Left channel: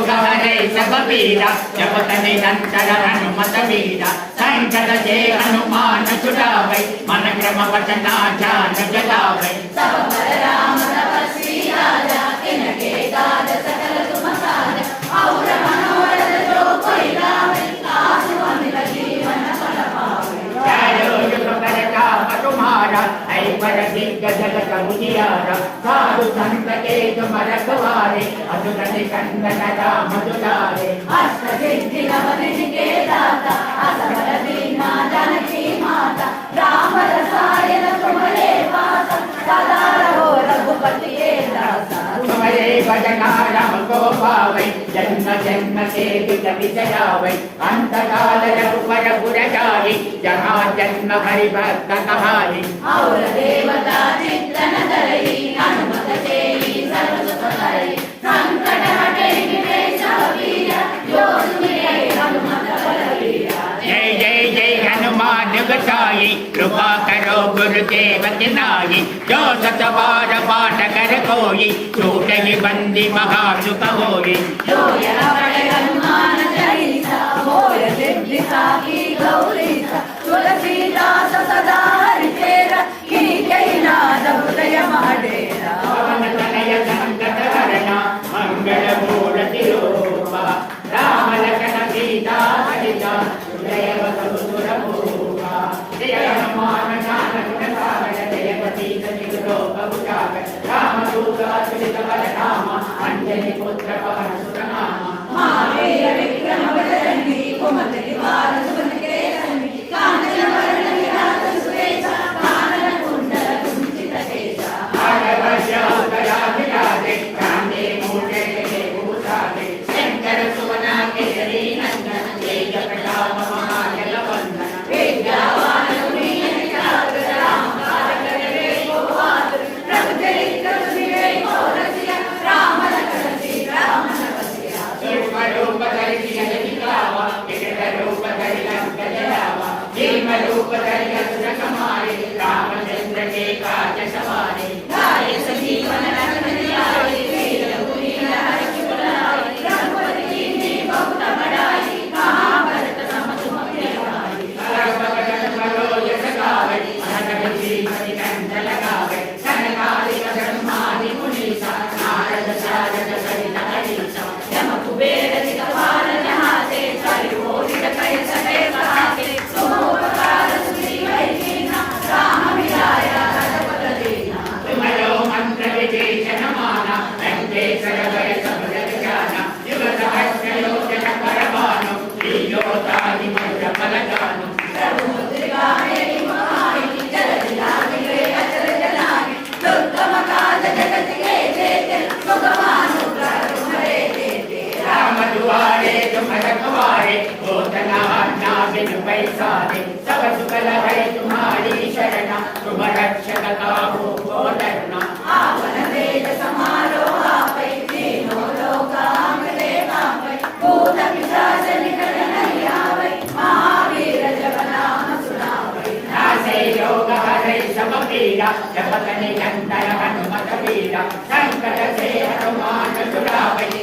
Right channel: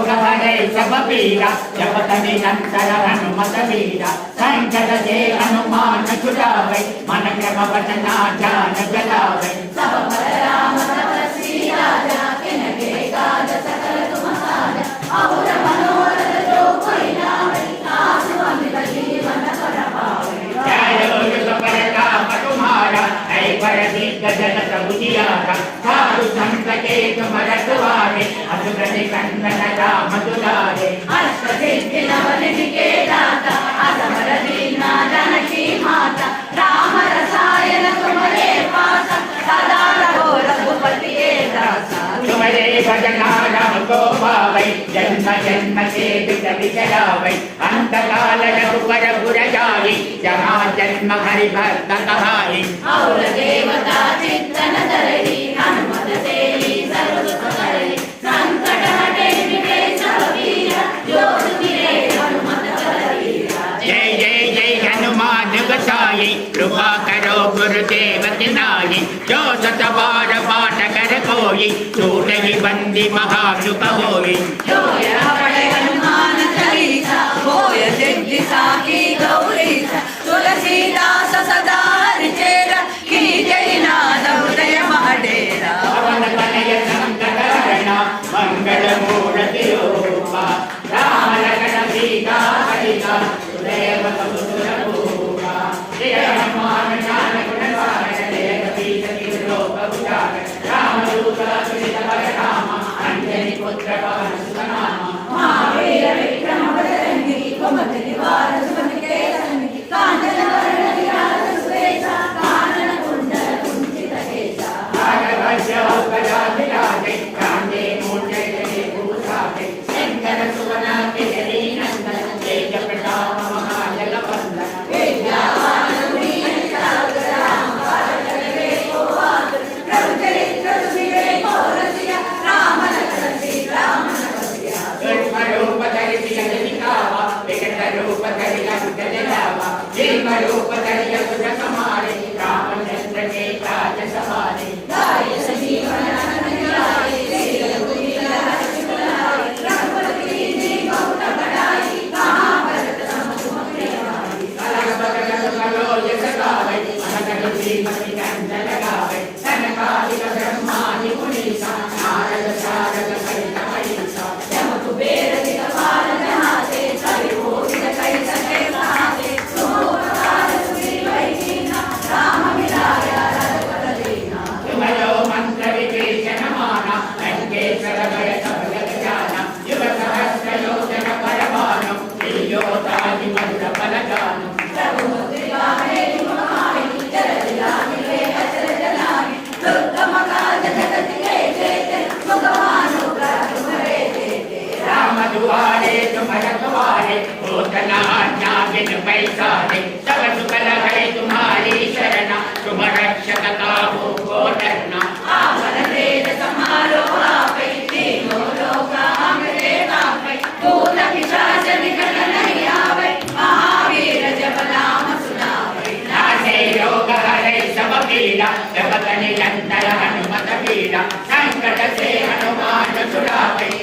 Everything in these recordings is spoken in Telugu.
ಸಹರೈ ಸಬೀರ ಜಪತನೆ ನಂತರ ಹನುಮತ ವೀರ ಸಂಕಟ ಜೇ ಹನುಮಾನ ಚುಡಾವೈ ಮನ ಕ್ರಮ ಪಠನಾಚಾರ ಜಲಾವೈ ಸಬ ರಾಮ परिचयावै अन्तकालजगु परपुरचारि जहा जन्म हरिभक्तकहारि देवता चित्तन करहि हनुमत तेहि सर्वसुखहरि संकटाटै विजय सवीर योगु विरे हनुमत बलवीर जय जय जय हनुमान जगशाली कृपा करो गुरुदेव नारी जो सतवार पाठ कर कोई चूट विबंदी महाशुभ होगी होय सिद्धि साखी गौरी तुलसीदास सदा हरिचेरा की जय नाद हृदय महडेरा వీర జగతని లంతర హనుమత వీర. సంకట సే హనుమాన్ సురామయ్య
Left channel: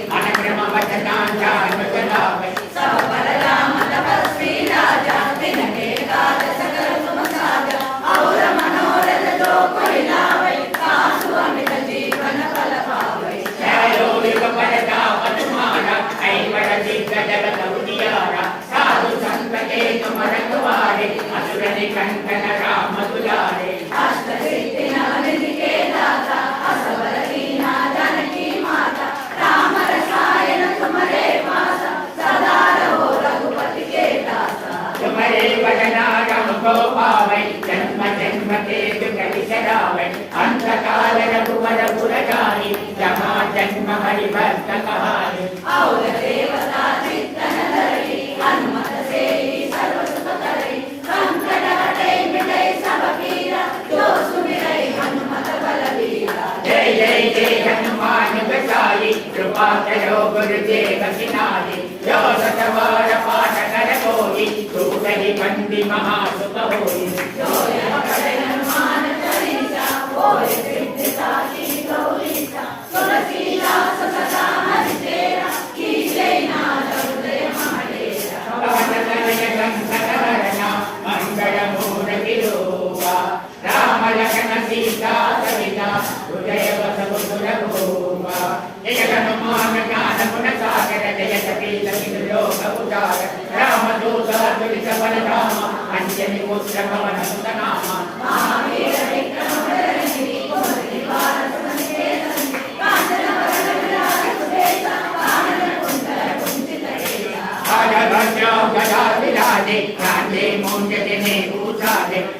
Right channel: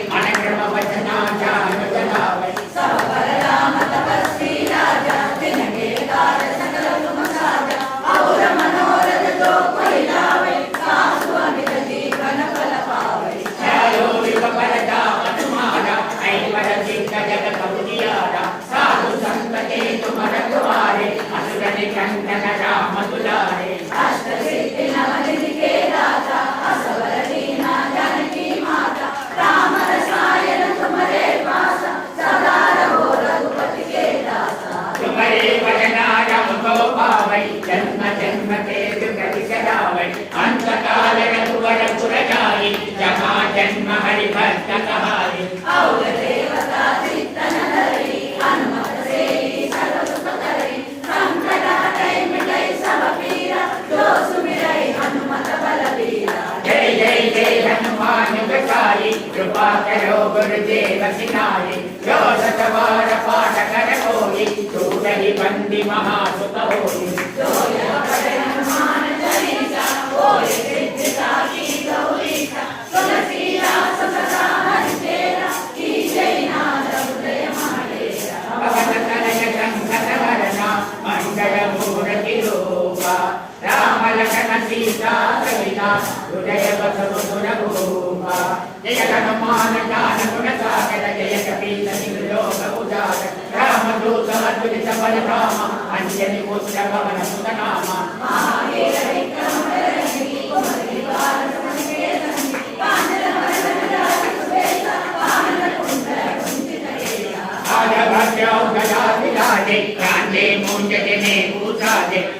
कृपाकरालि कृपाकरो गुरुदेवकिनालि यो शतवार पाठकर कोलि चूटहि बन्धि महासुतोलि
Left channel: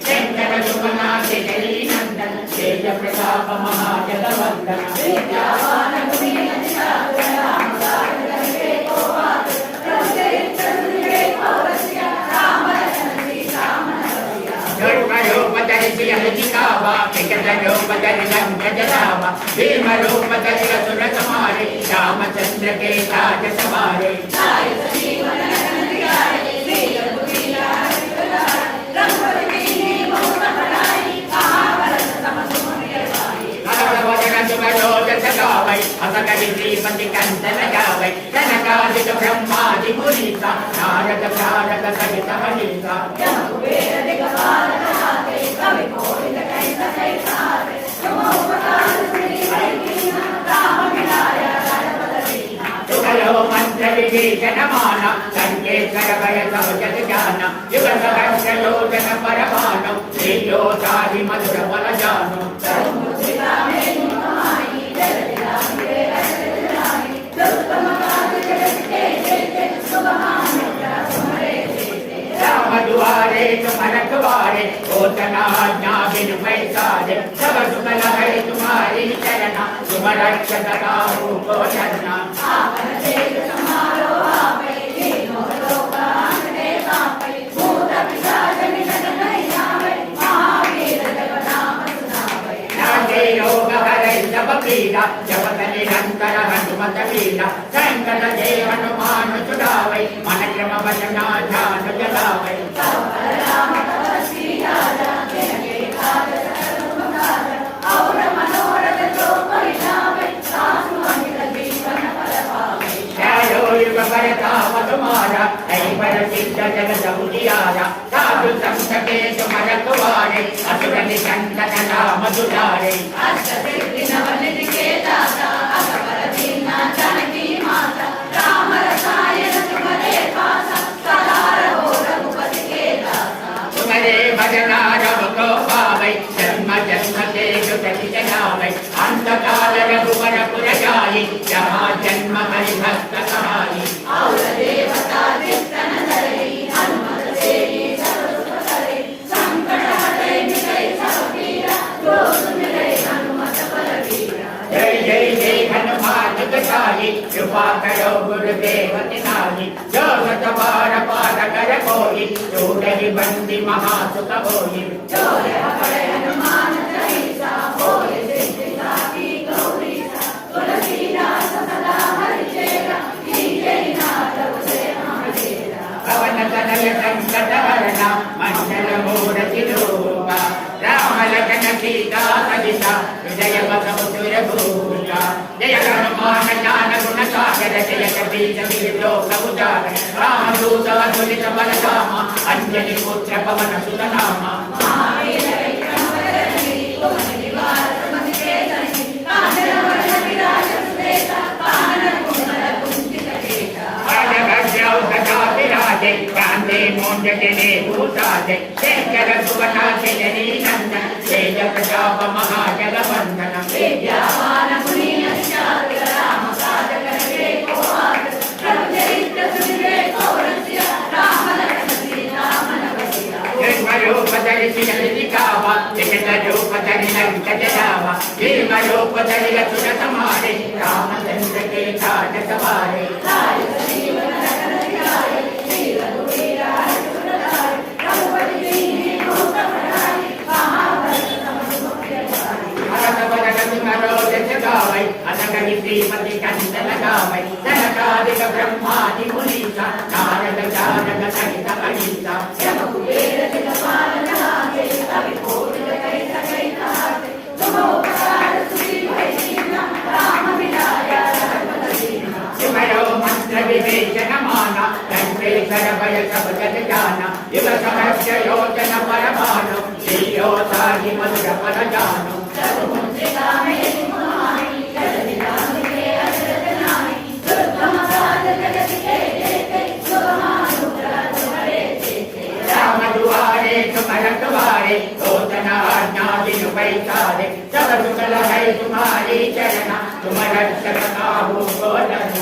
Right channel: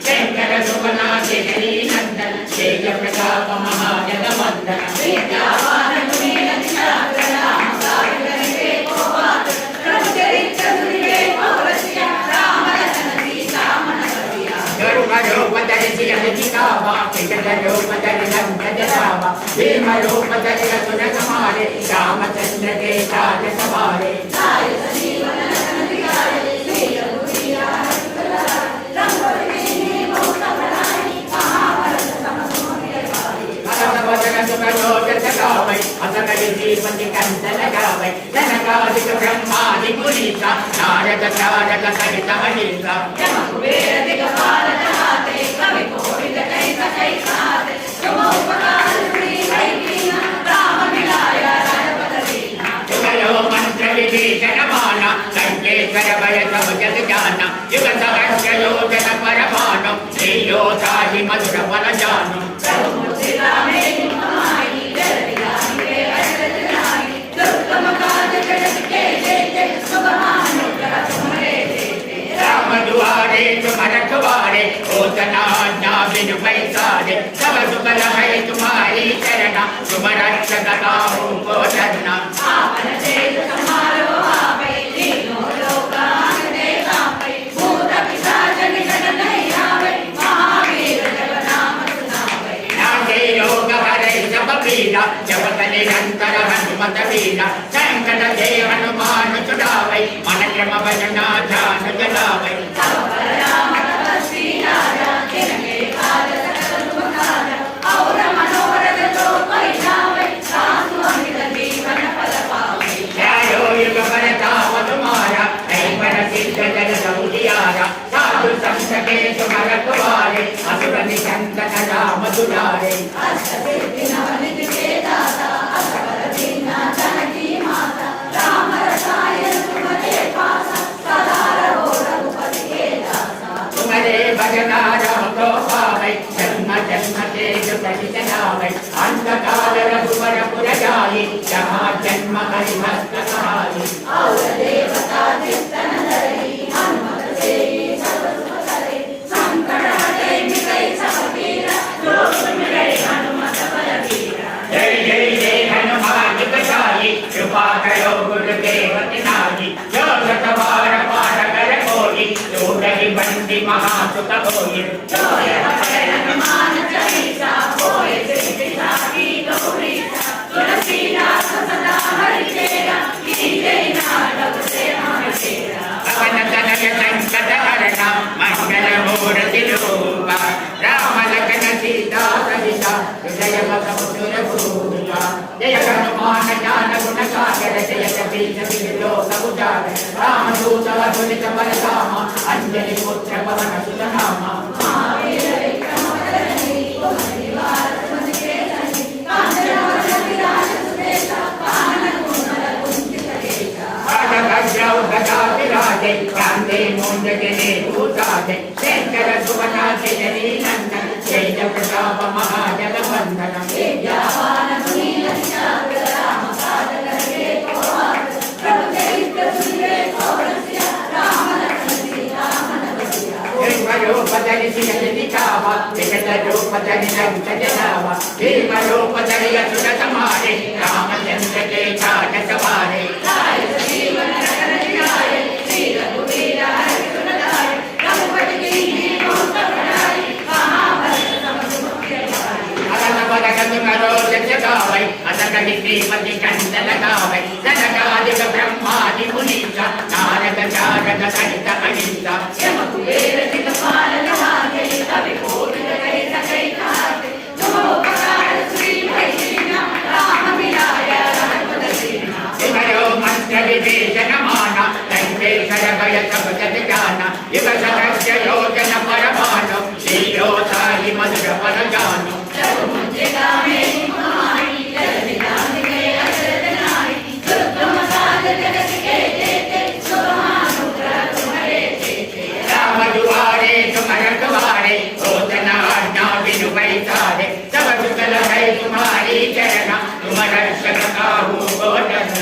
శంకర సుమనాశ జగీ నందన శేష ప్రతాప మహాజగవందన శ్రీరామ వెంకటరూపధరణావ భీమరూపధరణారే రామచంద్ర కే రాజసమారే బ్రహ్మాది పురీత సహిత మహిత జగమాన సంకేశ్వర భయ సముజన జాన యుగ సహస్రయోజన పరమాణం శ్రీయోసాహి మధుర ఫల జానం ಕಾಮದ್ವಾರೆ ಮನಕವಾರೆ ಓತನಾಜ್ಞಾ ವಿನಿಮಯ ಸಾರೆ ಸವ ಸುಬಲ ಹೈ ತುಮಾರಿ ಶರಣ ಸುಮರಕ್ಷ ಕಥಾ ರೂಪೋ ಶರಣ వీర జవతని శంకర హనుమత వీర శంకర జయ హనుమాను చుడావై మన క్రమ వచనా ధ్యాన జలావై. Sriraja ma ma chúng ta có hội nghiệp. రామదూతలసునితమరసామ అంజలి పుత్ర పవన సుతనామ కాంతే మోండకనే భూతాదే శేఖర సువనాశయనీ నంద తేజ ప్రతాప మహాజలవంద भीमरूपधरि असुर समारे रामचन्द्र के छाट सवारे गावै असकलि श्रीमति चन्दन गावै जनकादिक ब्रह्मादि मुनीचा नारद जागद सहित अहिंसा इवयो జనమాన వెంకటేశ్వర భయ సపజాన ఇవ సహస్య యోజన పరమాను శ్రీయోతాహి మధుర పరజాను రామద్వారే తుమరద్వారే నోతనాజ్ఞా వినుపైతారే తవ సుకల హై కుమారీ చరణ తుమర శకాహూ గోరణ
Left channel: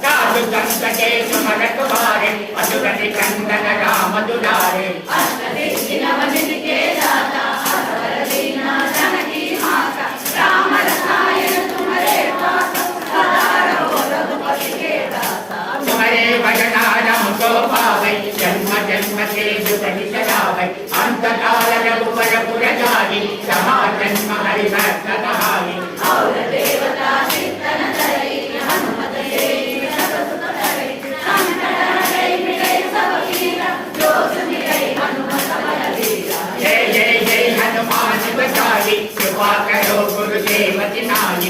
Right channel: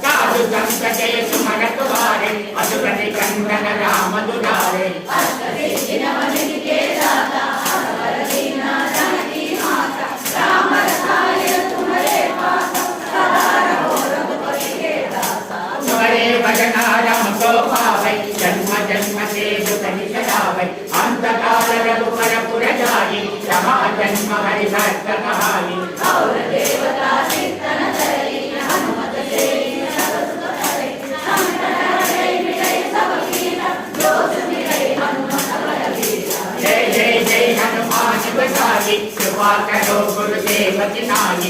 रघुवर पुर जाई समा जन्म हरि भक्त कहाई जय जय जय हनुमान बचाई कृपा करो गुरुदेव नारी जो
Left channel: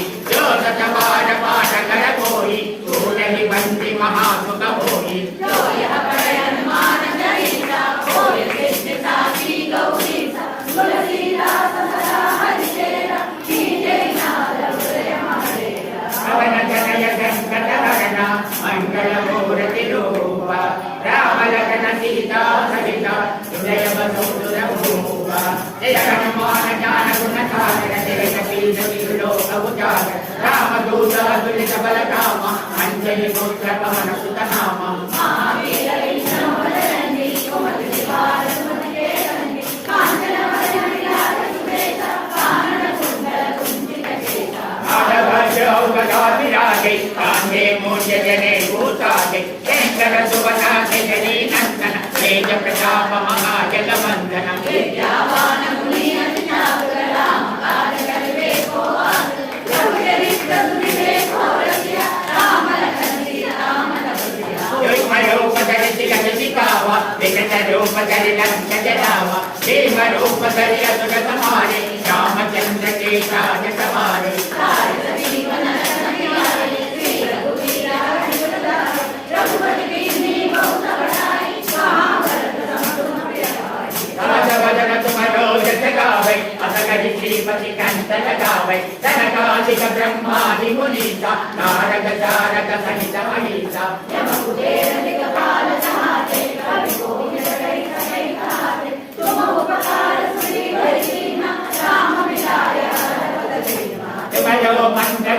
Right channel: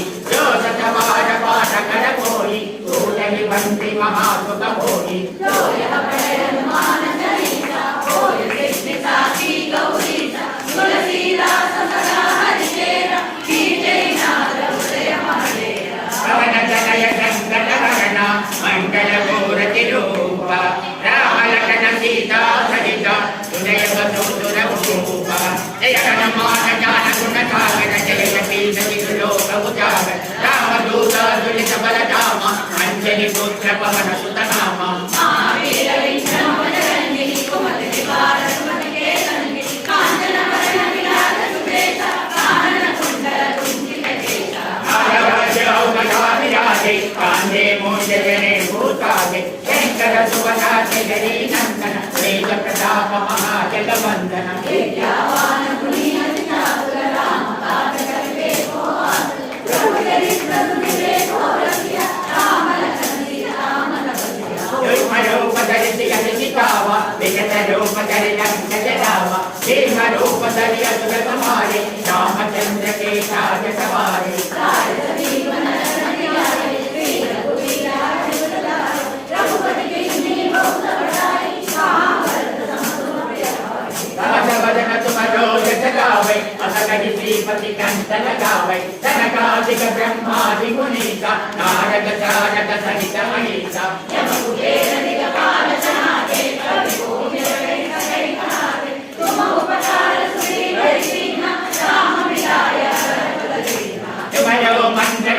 విలోక ఉజాగర దులిత బల రామ పుత్ర పవన సుత నామ కాంగే మోజనే భూతాగే శంకర సువనాథ జనీ నందన తేజ ప్రతాప మహాజల వందన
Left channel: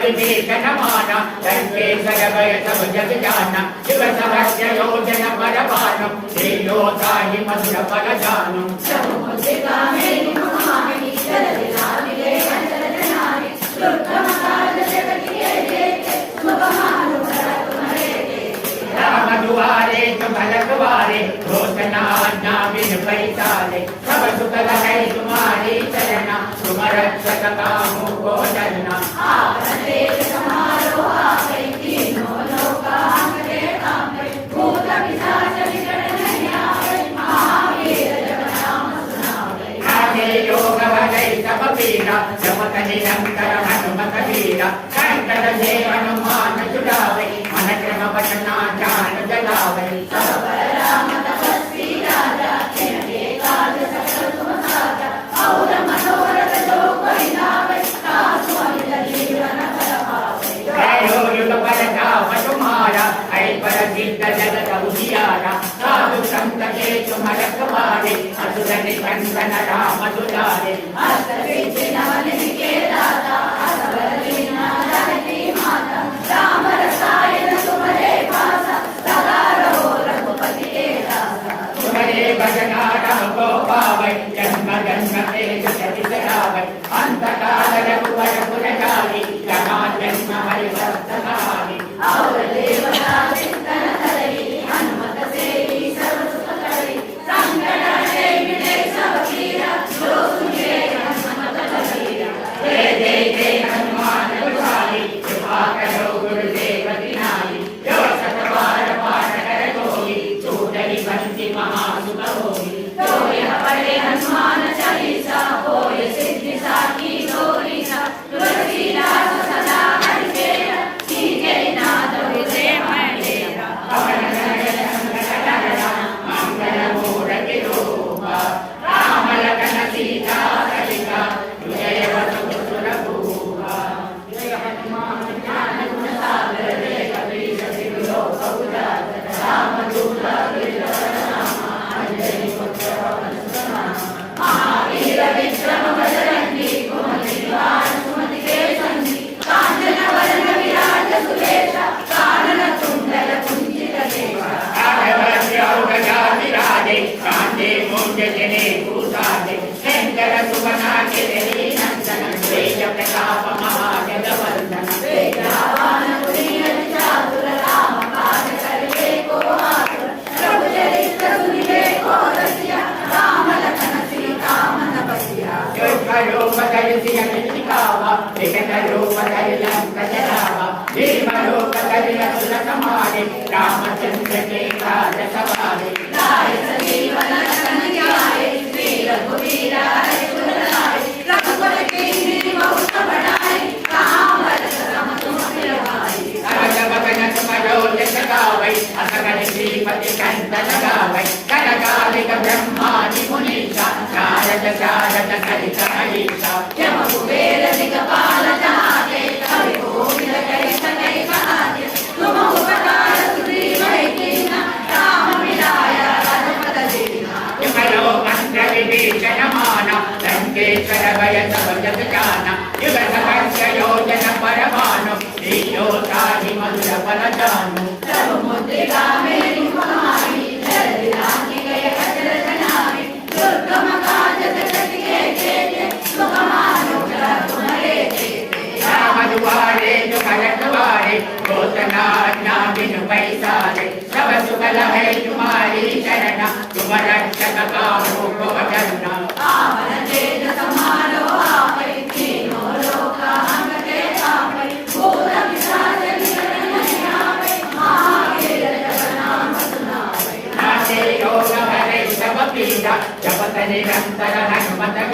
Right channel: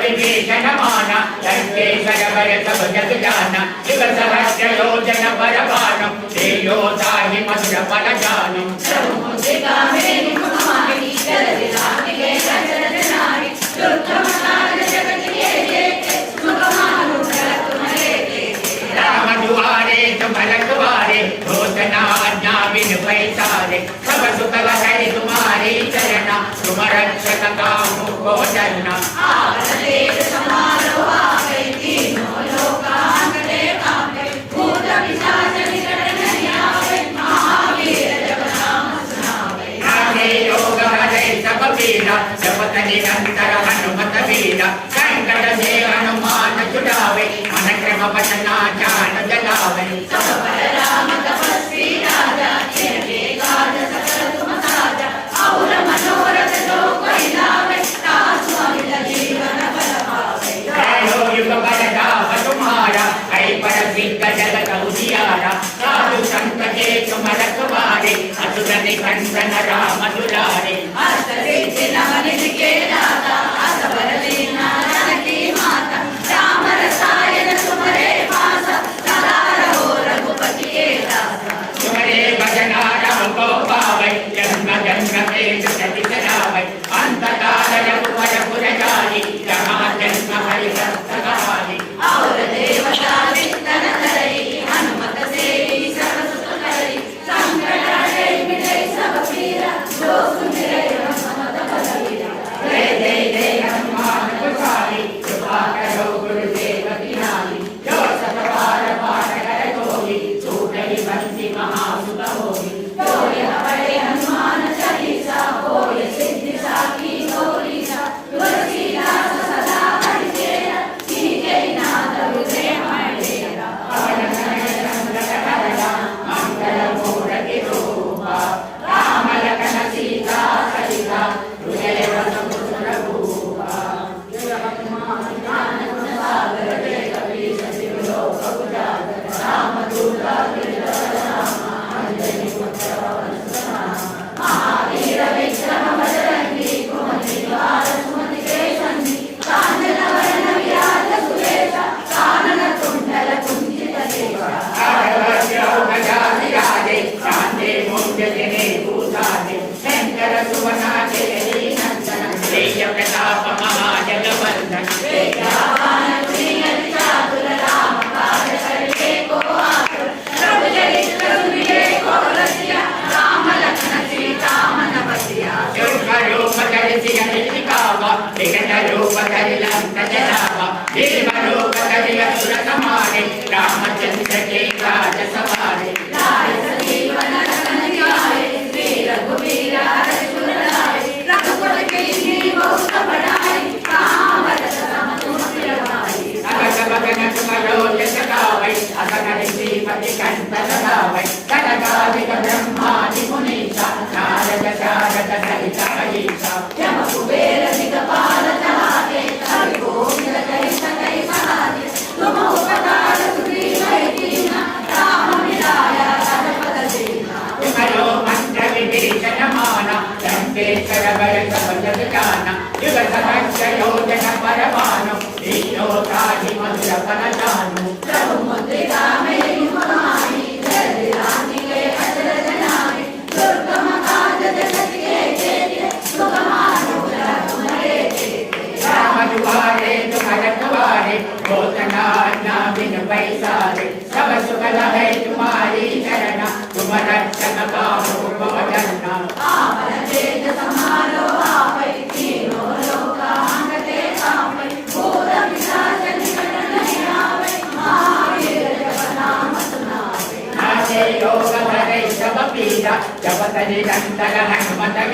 మంత్ర విభీషణ మాన లంకేశర భయ సభ జగ జాన శివ సహస్ర నిరంతరనుమతవీర సంకట దేవనుమాన చుడావై మన క్రమ పతనా జాన జలావై ఐ పర దిగ్గజల కౌశియారా సాధు సంతకే తుమరకవా అడ్డులని కంచన రామనులారి అస్తరించినవనికే దాత అసవరలి నారాయణి మాత రామ రసాయన సుమరే వాస సదారో రఘుపతి సుమరే భజన రామ గోపావై జన్మ జన్మ కేసు సతి సదావై అంతకాల రఘువర పురకాలి రమాన सवारे रामचंद्र के काज सवारे బ్రహ్మాది మునీత నారద శారద సహిత హరిత యమ కుబేర దిగపాల నాకే హరి గోవింద భయత భజగజానం జగత కంచయోజన పరమానం ఈయోతాని మధుర పరజాను ముద్రికా మే యుగమామి జగదానికే అచరజనామి దుర్గమ కాజత సతికే చేతి సుగమాను కుమరే రామదువారే దుఃఖరద్వారే గోతనాజ్ఞా తుమ రక్షణ కామో భవజన్న ఆవరణ సమ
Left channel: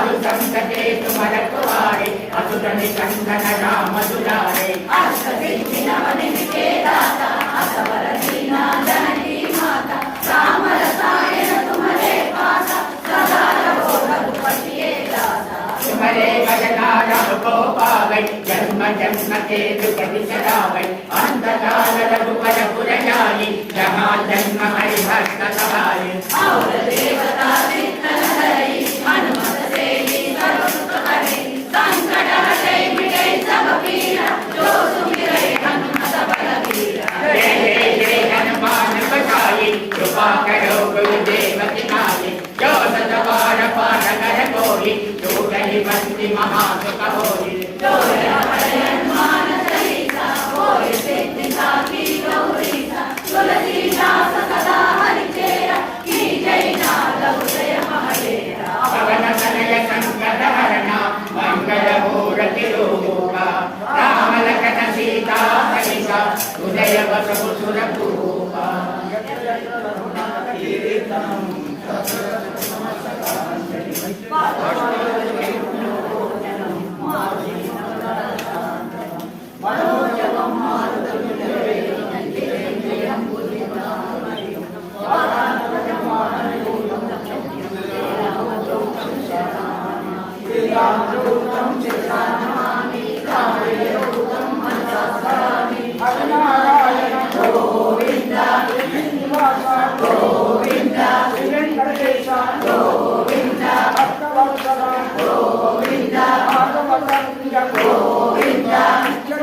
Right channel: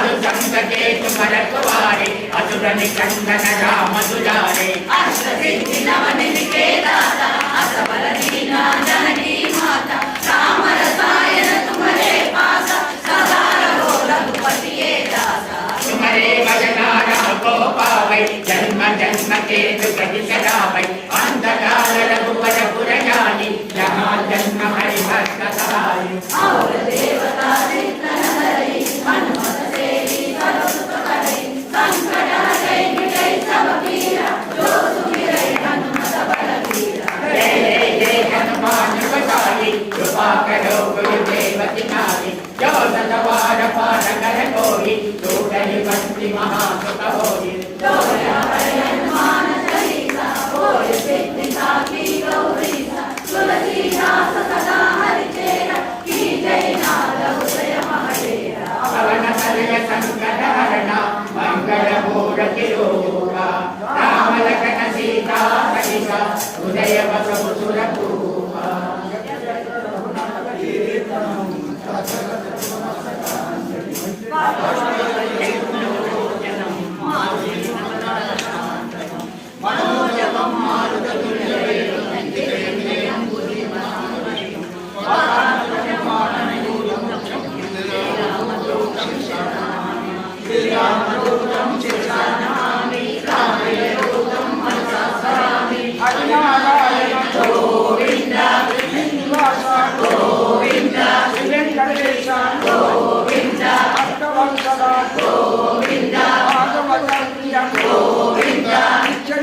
కాదు సంతకేతు మరకు వాడే అసురని కందన రామసురాడే జన్మ జన్మ కేతు పది సదావై అంధకాల రఘుపర పురయాలి జహా జన్మ హరి భక్త సహాయ దేవతా హరి హనుమత వాకరో గురు దేవతి నాది యోగ వాడ పాడ కర కోరి యోగ నివంతి మహాసుఖ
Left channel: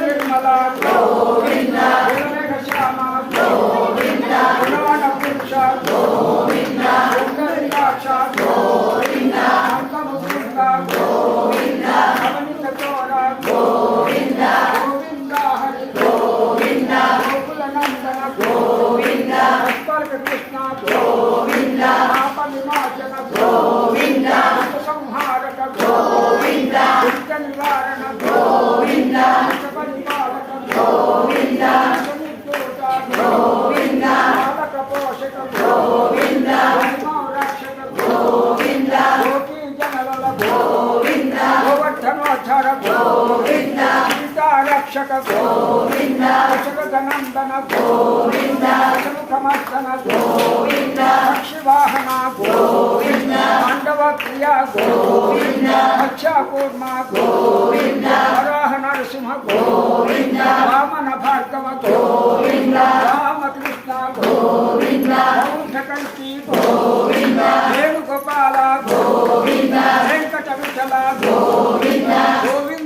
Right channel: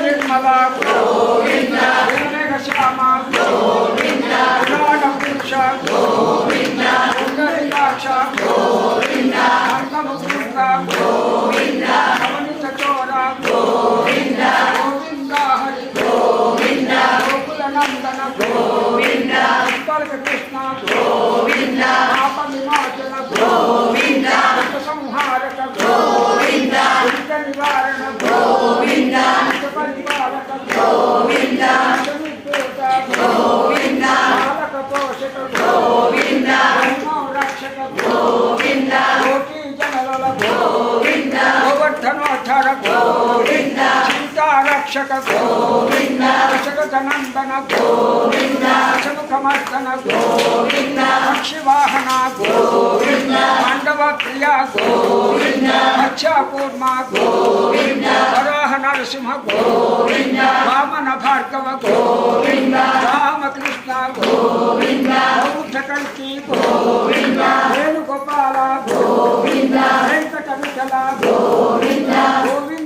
నిర్మల సీతారక్షక గోవింద దశరథనందన గోవింద దశముఖమర్దన గోవింద పక్షివాహన గోవింద పాండవ ప్రియ గోవింద మత్స్యకూర్మ గోవింద వరాహ నరసింహ గోవింద వామన భార్గవ గోవింద రామకృష్ణ గోవింద బౌద్ధ కల్కి గోవింద వేణుగోపాల గోవింద వెంకట విఠల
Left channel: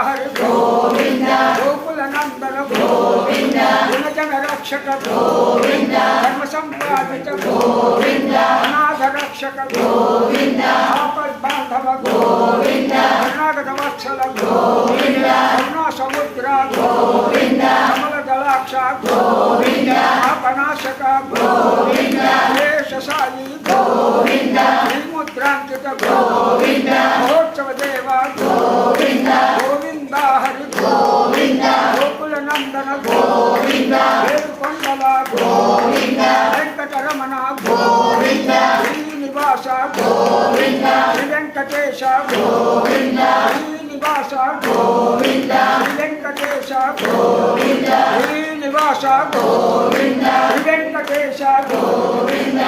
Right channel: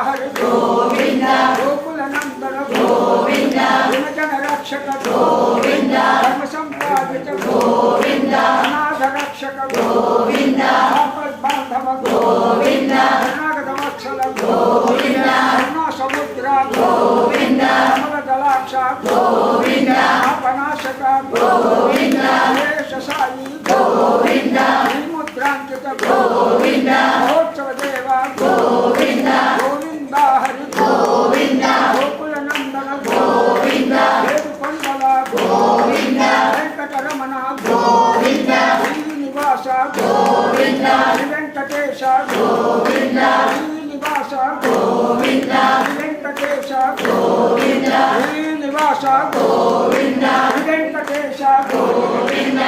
హరి గోవింద గోకుల నందన గోవింద విమజన రక్షక గోవింద ధర్మ సంపాదిత గోవింద అనాథ రక్షక గోవింద ఆపద్ బాంధవ గోవింద అనాగత వత్సల గోవింద కరుణా సముద్ర గోవింద కమల దళాక్ష గోవింద ఆపనాశక గోవింద శేష సాయి గోవింద విముద్రాంకిత గోవింద మహోత్సవ దేవ గోవింద గోవింద హరి గోవింద గోకుల నందన గోవింద వేడుకొండల గోవింద వెంకటరమణ గోవింద శ్రీనివాస గోవింద శ్రీ వెంకటేశ గోవింద శ్రీనివాస గోవింద వెంకటేశ గోవింద శ్రీనివాస గోవింద వెంకటేశ గోవింద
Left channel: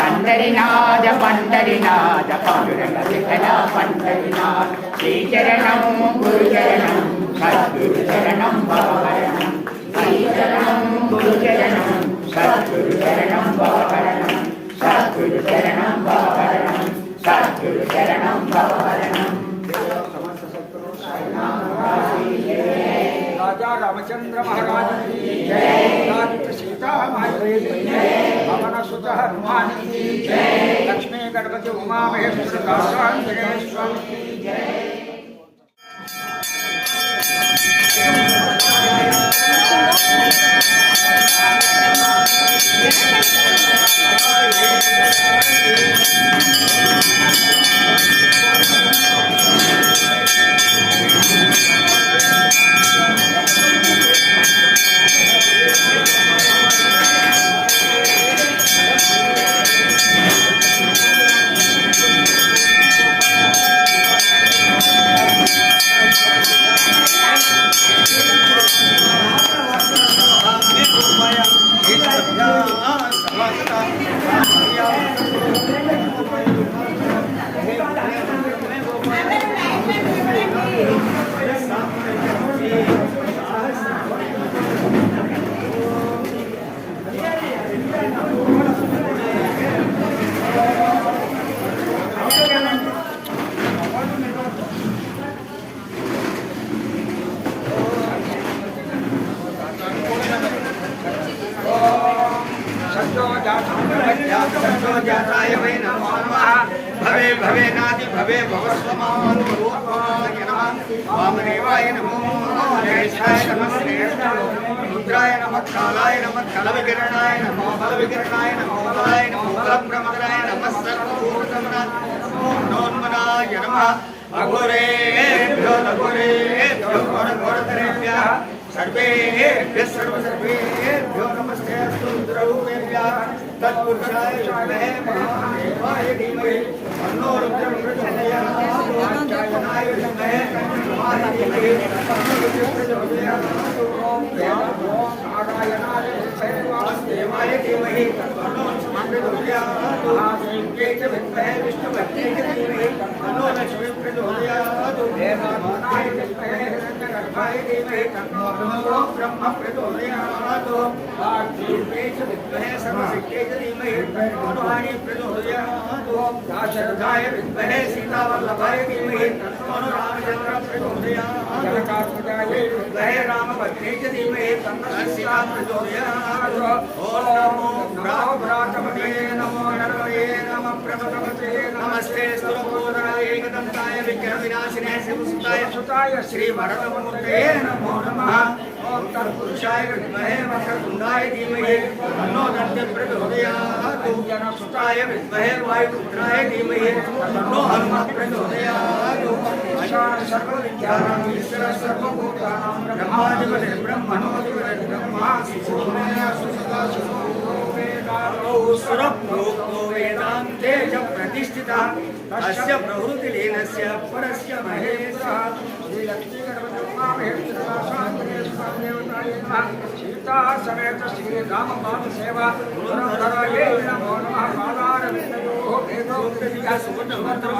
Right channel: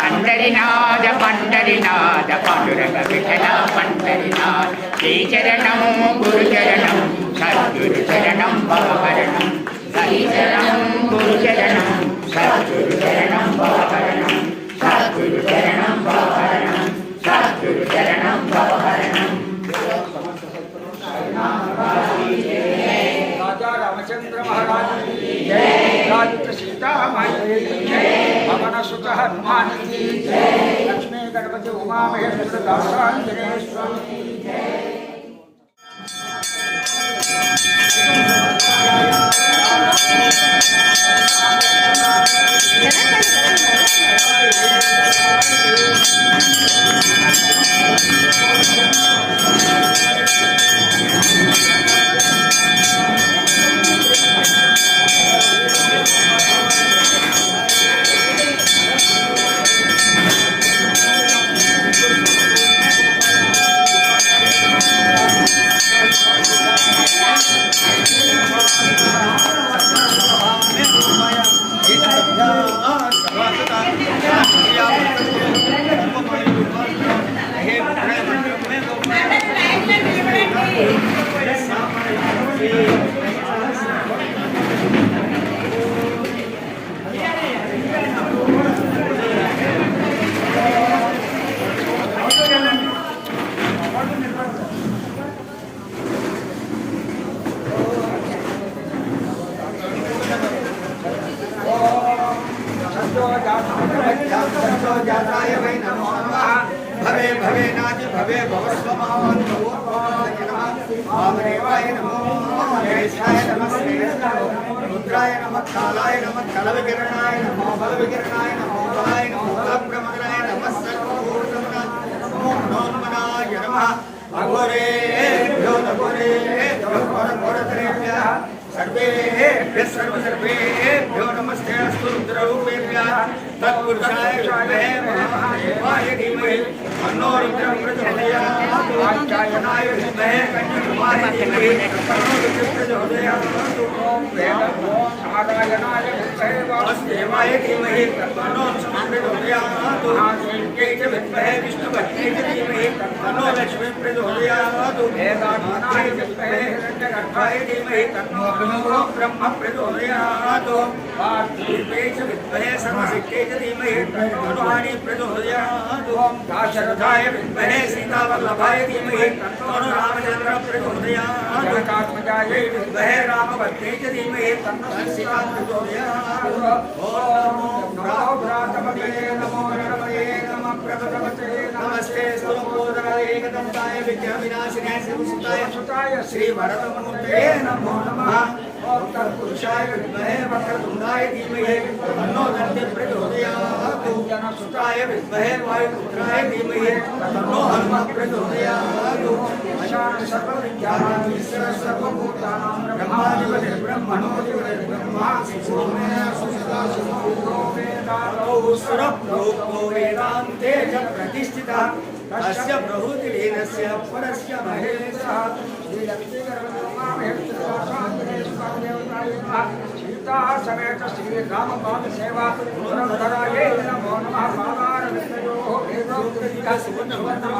పండరినాథ పండరినాథ పాండురంగ విఠల పండరినాథ్. శ్రీచరణం గురుచరణం సద్గురుచరణం భవహరణం. रामचंद्र महाराज राजपुत सुत हनुमान लक्ष्मी गणपति उमा महेश्वर दासांजनेश्वर तत्पुरुषाय विद्महे महादेवाय धीमहि तन्नो रुद्रं कन्याकुमारी धीमहि तन्नो रुद्रं महादेव्यै च विद्महे विष्णुपत्न्यै च धीमहि तन्नो लक्ष्मी प्रचोदयात् वेदात्मनाय विद्महे हिरण्यगर्भाय धीमहि तन्नो ब्रह्म प्रचोदयात् वाग्देव्यै च विद्महे सर्वशक्त्यै च धीमहि तन्नो हनुमानि दाशरथाय विद्महे सीतावल्लभाय धीमहि तन्नो रामचन्द्र प्रचोदयात् जगतात्मजायै विद्महे रामभद्रे च धीमहि तन्नो सीता प्रचोदयात् ॐ नमो नमः। శ్రీమతే నమ ప్రభతమతే నమస్తే సర్వోదరాయ ఏకదంతాయ విగ్రహ వినాశినాయ శివసుతాయ సుతాయ శ్రీ వరదమూర్తే నమో నమః ఓం తత్పురుషాయ విద్మహే వక్రతుండాయ ధీమహి తన్నో దంతే ప్రచోదయాత్ జనసుతాయ విద్మహే వాయుపుత్రాయ ధీమహి తన్నో హనుమ ప్రచోదయాత్ ब्रह्माधिपतिर्ब्रह्मणोऽधिपतिर्ब्रह्मा शिशुमे वेदातौ सुरप्रोक्तो वेदान्ते च प्रतिष्ठितः तस्य प्रभृतिलीनस्य परस्य महेन्द्रः श्रीलक्ष्मीगणपतिर्मामहेन्द्रशान्तरेश्वरदेवताय नमः सीता समेत श्रीरामपाद सेवा पुरन्दरायै नमो नमः पादारविन्दयोः वेदोक्तदिः सुवर्णमन्त्रौ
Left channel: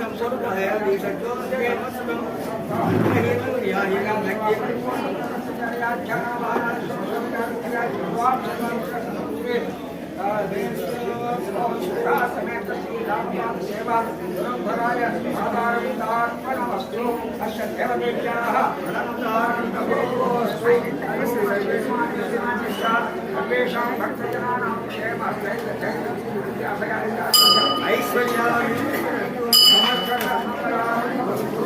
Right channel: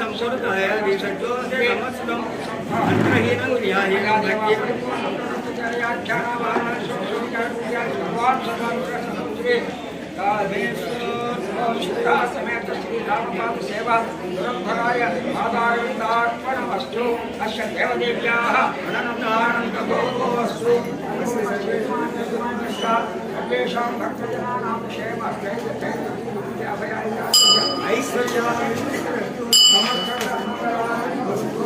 संस्कृताय दिशजो समस्तं मन्त्रहीनं क्रियाहीनं समेत श्रीरामपाद सेवा पुरंधराय आधारविन्दार्पणमस्तु अस्य देवदेव्याः సేవాయ మాతారవిందార్పణమస్తు అస్య దేవదేవ్యాః అనంతానందభోగోస్తు సర్వేషాం భక్తజనానాం క్షేమ ఐశ్వర్యాయుష్టిరస్తు సమస్త మంగళానందస్తు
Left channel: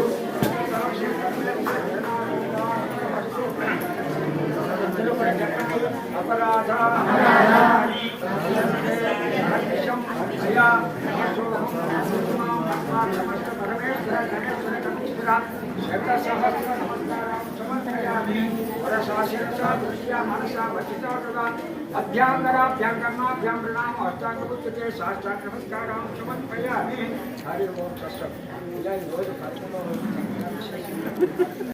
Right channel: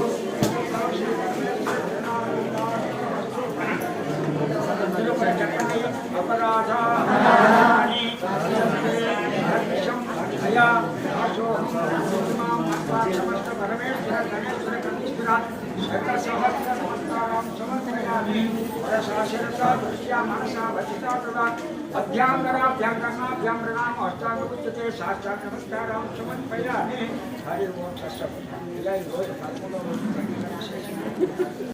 అపరాధా శతసహస్రనమస్కారం సమర్పయామి వరసాశిరసా దృష్ట్యా మనసా వచితాటుడా అభ్యాంగరాభ్యాం కర్మాభ్యాం రుణాం హస్తాంగపుచ్చతే శాస్త్రాంగ నమస్కారం సమర్పయామి హరి ఓం కష్టం ఇలా ఈరోజు పదకొండవ రోజు